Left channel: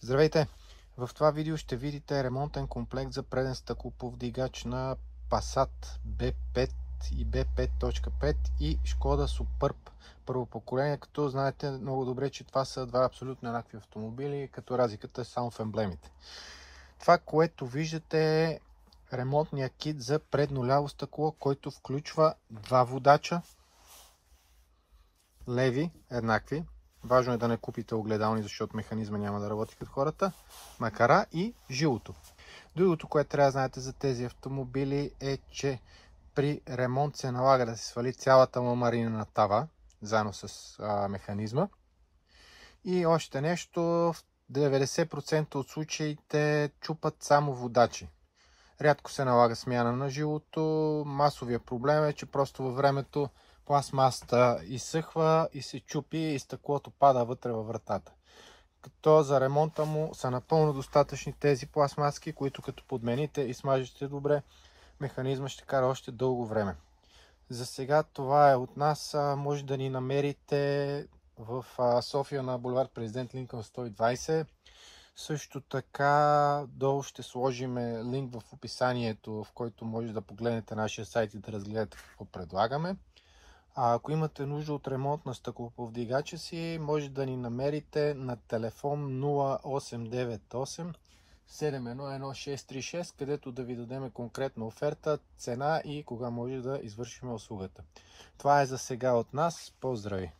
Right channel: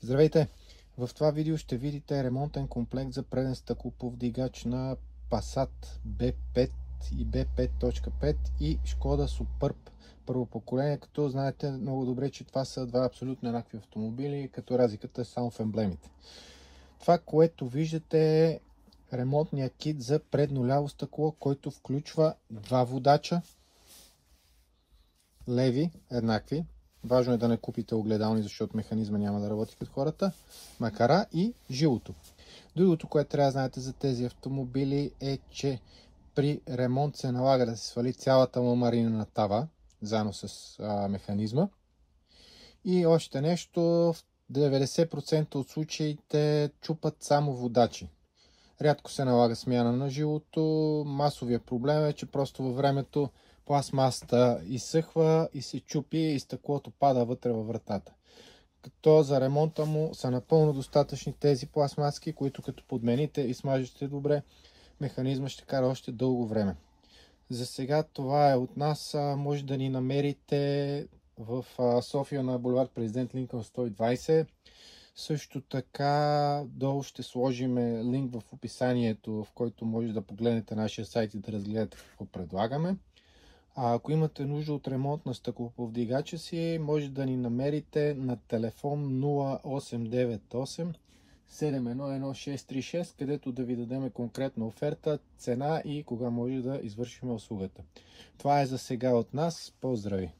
Здравейте! В това видео ще видите ремонтен комплект за преден стъклоповдигач на Passat B5 и B5.5 и Шкода Суперб първо поколение, като знаете много добре, че това са два абсолютно еднакви автомобили, като разликата е само в емблемите. Това, което виждате, е ремонтния кит за предно ляво стъкло, който включва два водача, леви, еднакви. Важно е да не купите огледални, защото механизма няма да работи като хората. Макара и жилото. Другото, което трябва да знаете за тези автомобили е, че при ремонт се налага да се свали цялата ламарина тава, заедно с механизма. И още нещо, в 90% от случаите чупат само водачи. Рядко се налага смяна на жилото. Масовия проблем е, че просто във времето пластмасата изсъхва и се чупи и стъклото пада вътре във вратата. Като за ремонта му са напълно достатъчни тези пластмаски, които като подмените и смажете добре, механизма ще кара още дълго време. За сега това е от нас. Може да ни намерите в София на булевард Президент Линкълн 120. Също така долу ще сложим линк в описанието, в който може да погледнете нашия сайт и да разгледате какво предлагаме. А ако имате нужда от ремонт на стъклоповдигача си, може да ни намерите на телефон 0898 711636, където да ви дадем конкретна оферта, цена и кога може да извършим услугата. Това е за сега от нас. Поздрави!